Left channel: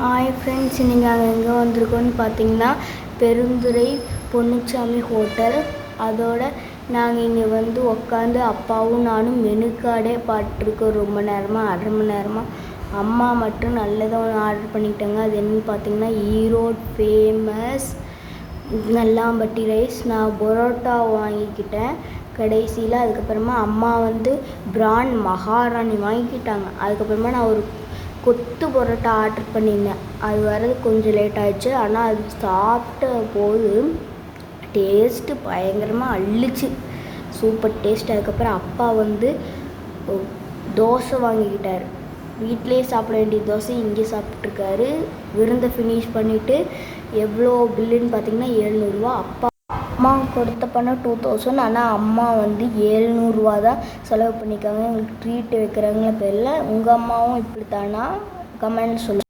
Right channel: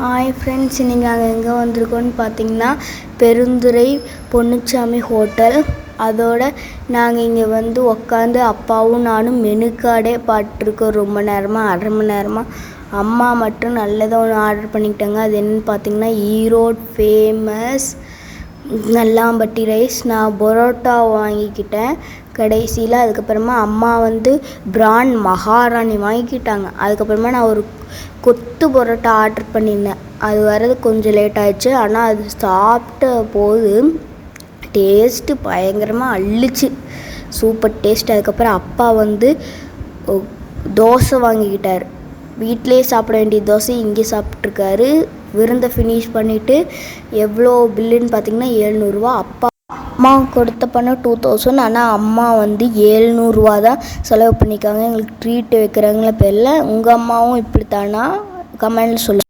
Hi friends, இன்றைக்கி நாங்கள் எங்கே வந்திருக்கோன்னு பார்த்தீங்கன்னா பெருந்துறை பொன்னுச்சாமி ஹோட்டல். அதோட நாங்கள் இங்கே வந்து உக்காந்து அப்பாவும் நானும் மெனு கார்டே பார்த்துருக்கோம். ரொம்ப நேரமாக, அரை மணி நேரமாக. அம்மா மட்டும் நல்லதாக ஒன்று ஆர்டர் பண்ணிக்கிட்டாங்க. அது என்னென்னு பார்த்தீங்கன்னா ஈரோடு ஃபேமஸ் நல்லாம்பட்டி ரைஸ். நான் பரோட்டா வாங்கிக்கிட்டேன் கடைசியில். அதுக்கப்புறமா அம்மா வந்து பிரான் மகாராணி வாங்கிக்கிட்டாங்க. அதுக்கப்புறமா நான் ஒரு கொத்து பரோட்டா ஆர்டர் பண்ணியிருந்தேன். அது வர்றது கொஞ்சம் லேட் ஆகிடுச்சு. ஆனால் அது சாப்பிட்ட போது டேஸ்ட்டு பயங்கரமாக அள்ளிச்சு, சூப்பர் டேஸ்ட். அதுக்கப்புறம் அப்பா வந்து தோசை வாங்கிக்கிட்டார். வீட்டிலே சாப்பிட வேண்டிய தோசை இங்கே சாப்பிட்ருக்காரு. விருந்தை ஃபினிஷ் பண்ணிவிட்டு எவ்வளோ பில்லுன்னு பார்த்தீங்கன்னா 700 ரூபா. அம்மா கொடுத்த பணம் 2000. ஆனால் அம்மா வந்து 700 ரூபா தான் செலவு பண்ணிக்காங்க. எங்களுக்கு ட்ரீட் வைக்கிறாங்களா தெரியல. உங்கள் அம்மாவும் இப்படித்தானா? கமெண்ட்ல சொல்லுங்கள்.